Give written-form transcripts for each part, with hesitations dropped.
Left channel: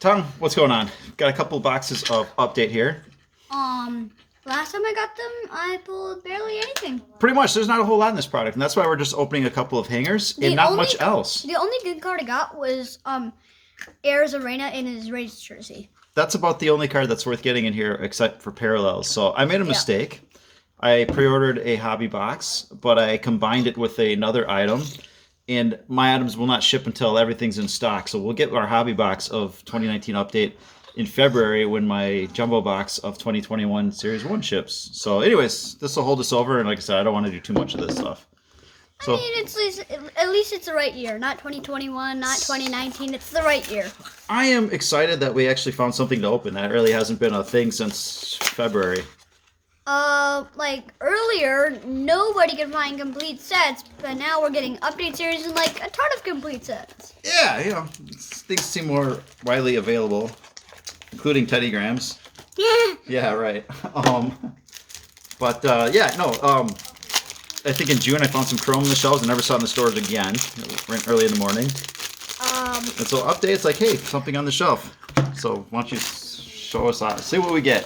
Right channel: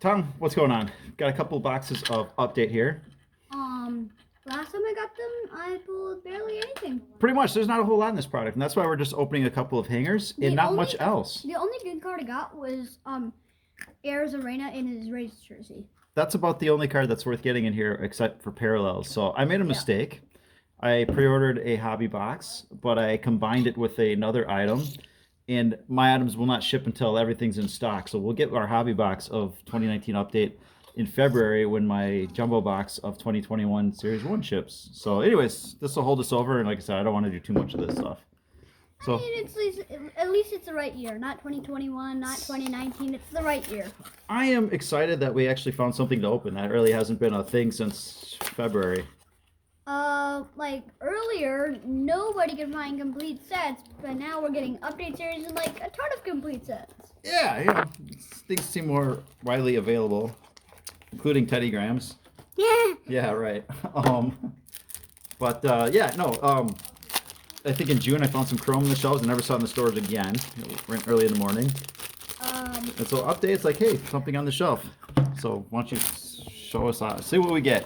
Tom, what's going on? Got a couple boxes of update here. Last time I got them, I pulled barely anything. Pretty much, there's not a whole lot in this product, and that's why we're just opening a couple of hangers and not much else. The only good card I got was Ayers Arena in his Rays jersey. That's about the only card that's worth getting in here, except for parallels. So I made a mistake. I pre-ordered a hobby box, but I combined it with another item, and my items will not ship until everything's in stock. So we'll get our hobby box of 2019 update in February when my jumbo box of 2021 Series 1 ships. So anyways, this will hold us over, and like I said, I don't want to do too much of this stuff. So, I mean, at least it's the right year. Not 2021, not 2019. It's the right year. I am excited that we actually found something to open. That really hasn't been a thing since February. Like earlier, nobody could find complete sets, but now we're getting update series and like a ton of complete sets. Yeah, things seem more widely available, including Teddy Grahams. Yeah. Yeah, right. I think in June I found some Chrome on the shelves and never saw it in the stores again. Early in the morning. And so updates like, hey, something on the shelf. So why don't you show us out? See what we get.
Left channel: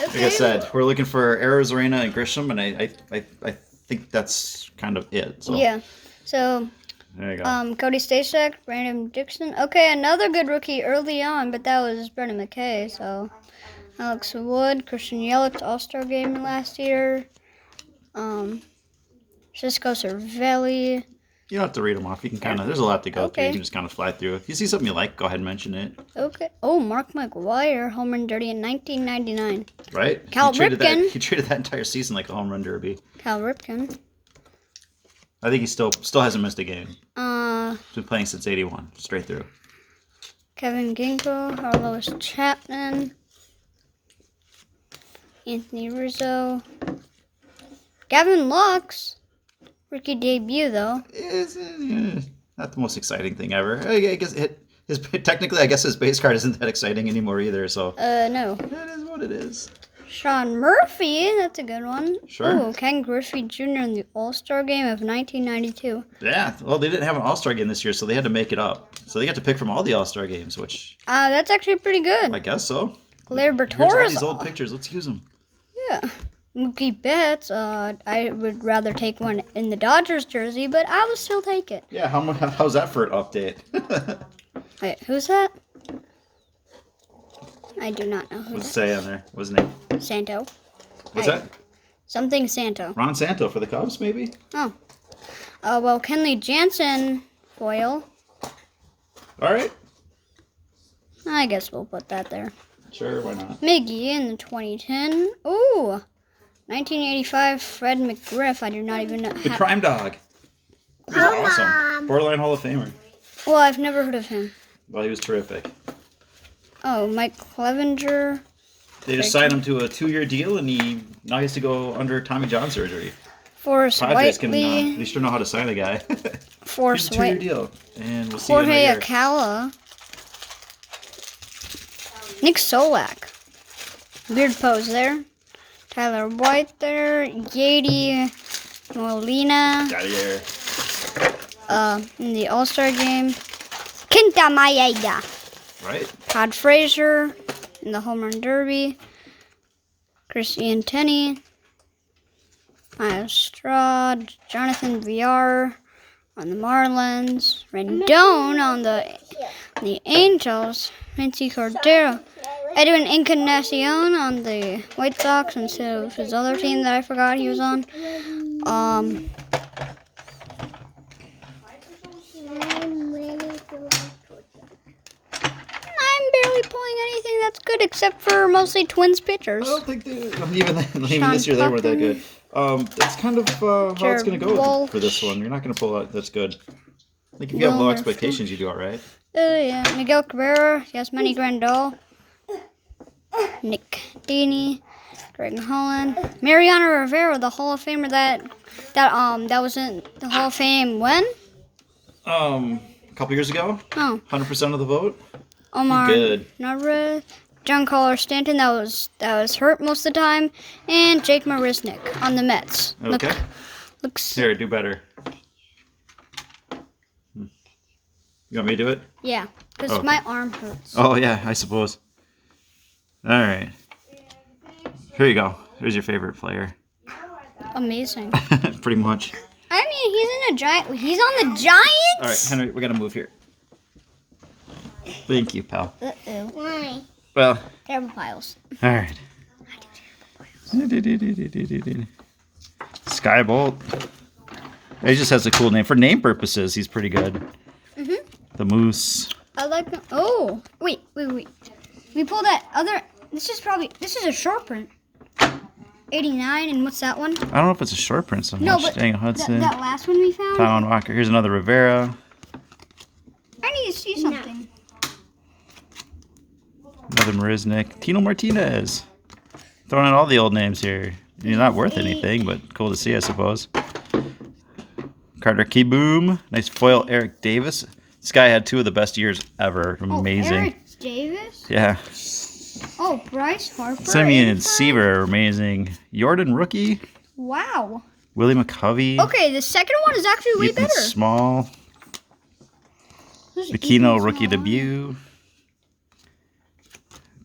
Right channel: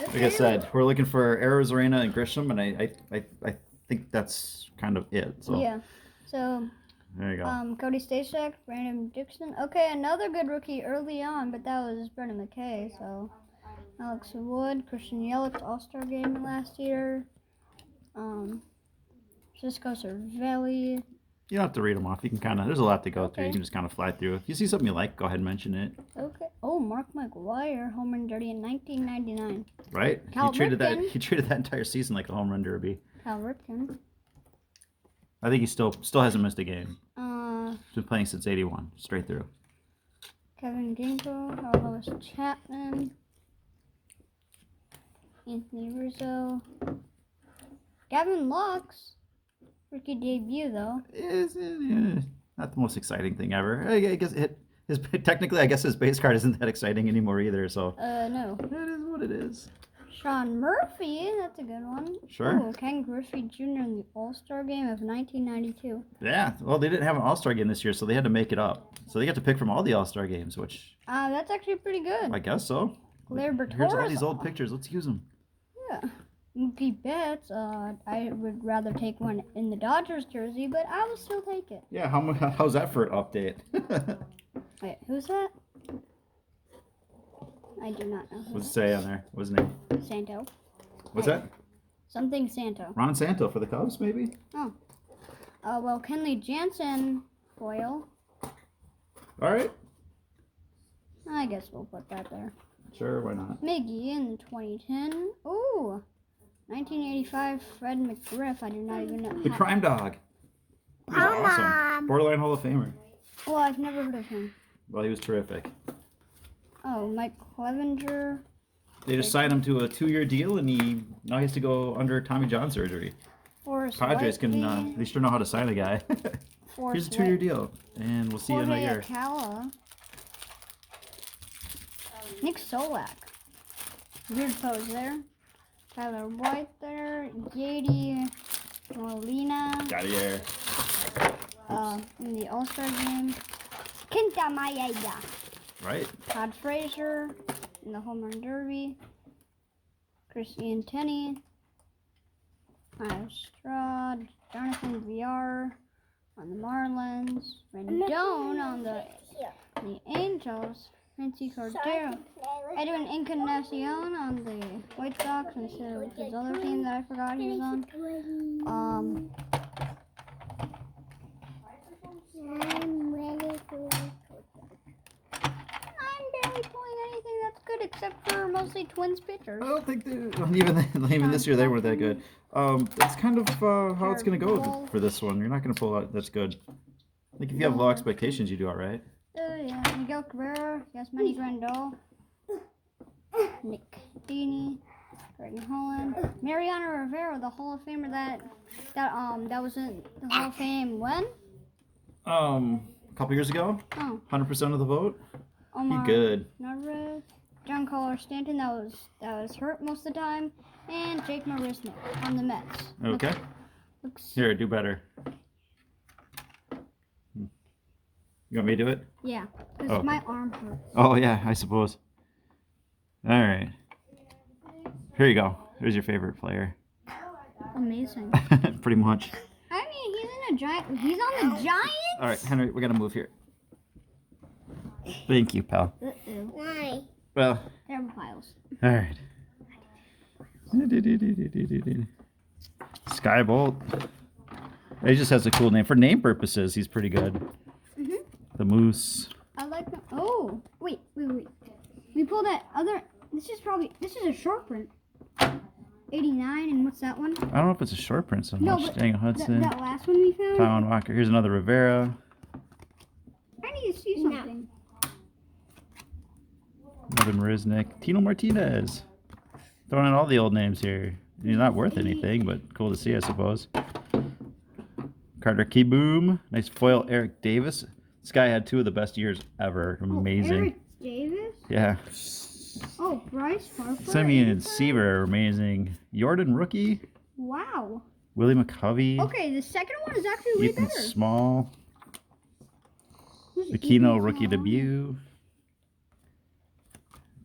Okay. Like I said, we're looking for Ayers Arena and Grisham, and I think that's kind of it. So yeah. So there you go. Cody Stashak, Brandon Dixon. Okay, another good rookie early on, but that was Brendan McKay. So Alex Wood, Christian Yelich, All-Star game last year. Cisco Cervelli. You don't have to read them off. You can kind of, there's a lot to go through. Okay. You can just kind of fly through. If you see something you like, go ahead and mention it. Okay. Oh, Mark McGwire, home run derby in 1999. Right? Cal Ripken. He treated that entire season like a home run derby. Cal Ripken. I think he still hasn't missed a game. Uh, He's been playing since '81, straight through. Kevin Ginkgo, Carlos Chapman, Anthony Rizzo, Gavin Lux. Rookie debut, though. It's not the most exciting thing ever. I guess technically, I guess his base card isn't that exciting anymore either. So No. it is what it is. Sean Murphy, that's a good one. Sure. Ooh, Ken Griffey Jr. in the All-Star game of 1992. Yeah. Well, they didn't have an All-Star game this year, so they had to make it up. So they got to pick from all the All-Star games, which That's actually pretty good. I guess so. Blair Here's all Bertores. these old pictures. Let's use them. Yeah. Mookie Betts, I would rather take one in the Dodgers jersey, but I would still take it. Yeah. How's that for an update? Wait, who's that? I do not know who What's it that say on there? What's his name? is. Santo. What's that? Something Santo. Ron Santo for the Cubs, maybe? Oh. Well, Kenley Jansen foil. All right. I guess we'll put that there. Sure, why not? Miggy in the 2010. Ooh. 1985 Fred McGriff. I do not even know. The Crime Dog. He was awesome. Borderline Hall of Famer. Well, I've never heard of him. Well, he was terrific. Oh, Mike Clevenger. They just signed him to a 2-year deal, and he now has to go under Tommy John surgery. Forrest Padres can Whiteley. at least know how to sign a guy. Forrest Here's a 2-year Whiteley. deal, and we'll see you in a Jorge year. Acala. Nick Solak. Weird pose there. Tyler White there. Yadi Molina. Got of here. In the All-Star game. Quinta Maeda. Right. Todd Frazier in the Home Run Derby. Christian Tenney. Miles Straw. Jonathan VR on the Marlins. Rendon on the Angels. Nancy Cordero. Edwin Encarnacion on the White Sox instead of his other team that I forgot he was on. I'm barely pulling anything that's good except for mostly Twins pitchers. I don't think even this year they weren't that good. That's kind of how it's going to go Walsh. for this one. You're not going to pull out that's good. I think if you have low expectations, you do all right. Yeah. Miguel Cabrera, Yasmani Grandal, Nick Daney, Greg Holland, Mariano Rivera, the Hall of Famer that was in the Hall of Fame when? A couple years ago, Oh, 100% of the vote. Omar Good. Narvaez, John Collar Stanton that was hurt most of the time, and Jake Marisnick on the Mets. Okay. Look, looks Here, do better. You want me to do it? Yeah, because Oh. my arm hurts. Oh, yeah, I suppose. All right. Here you go. Here's your favorite player. Amazing. Pretty much. I mean, he's in a giant. He's on the Giants. All right, Henry, we got to move here. Thank you, pal. Uh-oh. Why? Well, Terrible piles. all right. Skybolt. He just has a cool name. For name purposes, he's pretty good. The Moose. I like the. Oh, wait. We pull that other. This is a short print. 89, and what's that one? I don't know if it's a short print so No, much. but Dang, Hudson. that last one we found. Taiwan Walker. Here's another Rivera. I need to see something. Another Marisnik. Tino Martinez. Throwing in all the old names here. You're not worth anything, but cool to see, I suppose. Carter Keyboom. Nice foil Eric Davis. This guy had 2 of the best years ever. Amazing. Oh, Eric Davis. Yeah. Oh, Bryce Harper. Simeon Seaver. Amazing. Jordan rookie. Wow. Willie McCovey. Okay, the second one is actually way Ethan better. Small. Who's Aquino Ethan rookie Small? debut.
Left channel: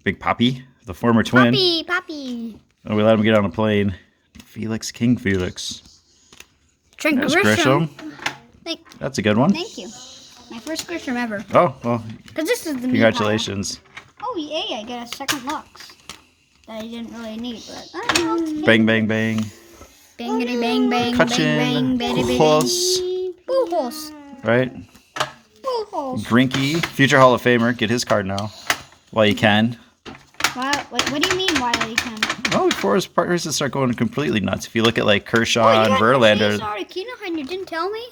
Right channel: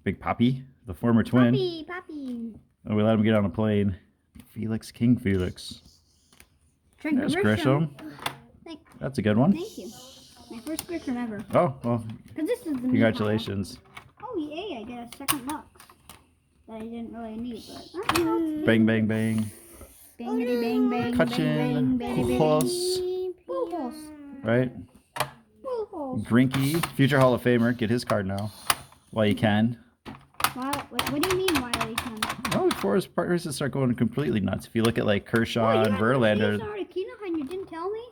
Big Poppy, the former twin. Poppy. Oh, we let him get on a plane. Felix King Felix. Trent There's Grisham. Grisham. That's a good one. Thank you. My first Grisham ever. Oh, well, Because this is the congratulations. Oh, yay, I get a second Lux. That I didn't really need, but I don't know. Bang, bang, bang. Bangity bang bang. Cutchin, Bang bang bang. Pujols. Pujols. Right? Pujols. Grinky, future Hall of Famer. Get his card now. While you can. Wow. What do you mean why they can? Oh, before his partners start going completely nuts. If you look at like Kershaw Oh, and Verlander. Sorry, Kino, and you didn't tell me?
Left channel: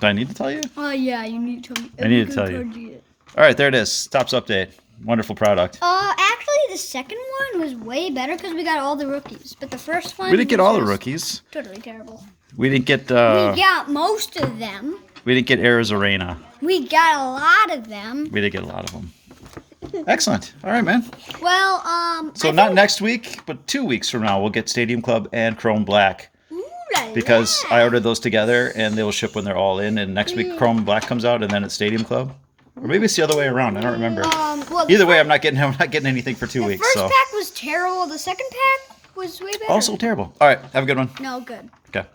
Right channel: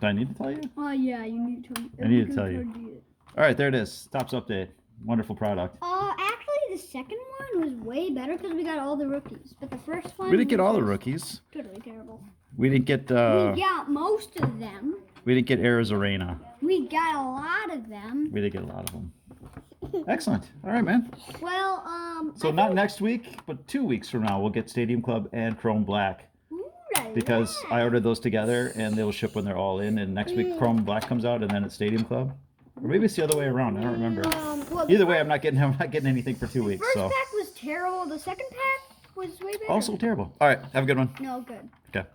Do I need to tell you? Oh, yeah, you need to tell me. I need to tell you. All right, there it is. Tops update. Wonderful product. Actually, the second one was way better because we got all the rookies. But the first one We didn't get all the was rookies. totally terrible. We didn't get We got most of them. we didn't get Arizarena. We got a lot of them. We did get a lot of them. Excellent. All right, man. Well, So not next week, but 2 weeks from now, we'll get Stadium Club and Chrome Black because I ordered those together and they will ship when they're all in. And next week, Chrome Black comes out, and then it's Stadium Club, or maybe it's the other way around. I don't remember. well, Either way, I'm not getting anything for 2 weeks. first So pack was terrible. The second pack was way better. also terrible. All right, have a good one. No, good. Okay.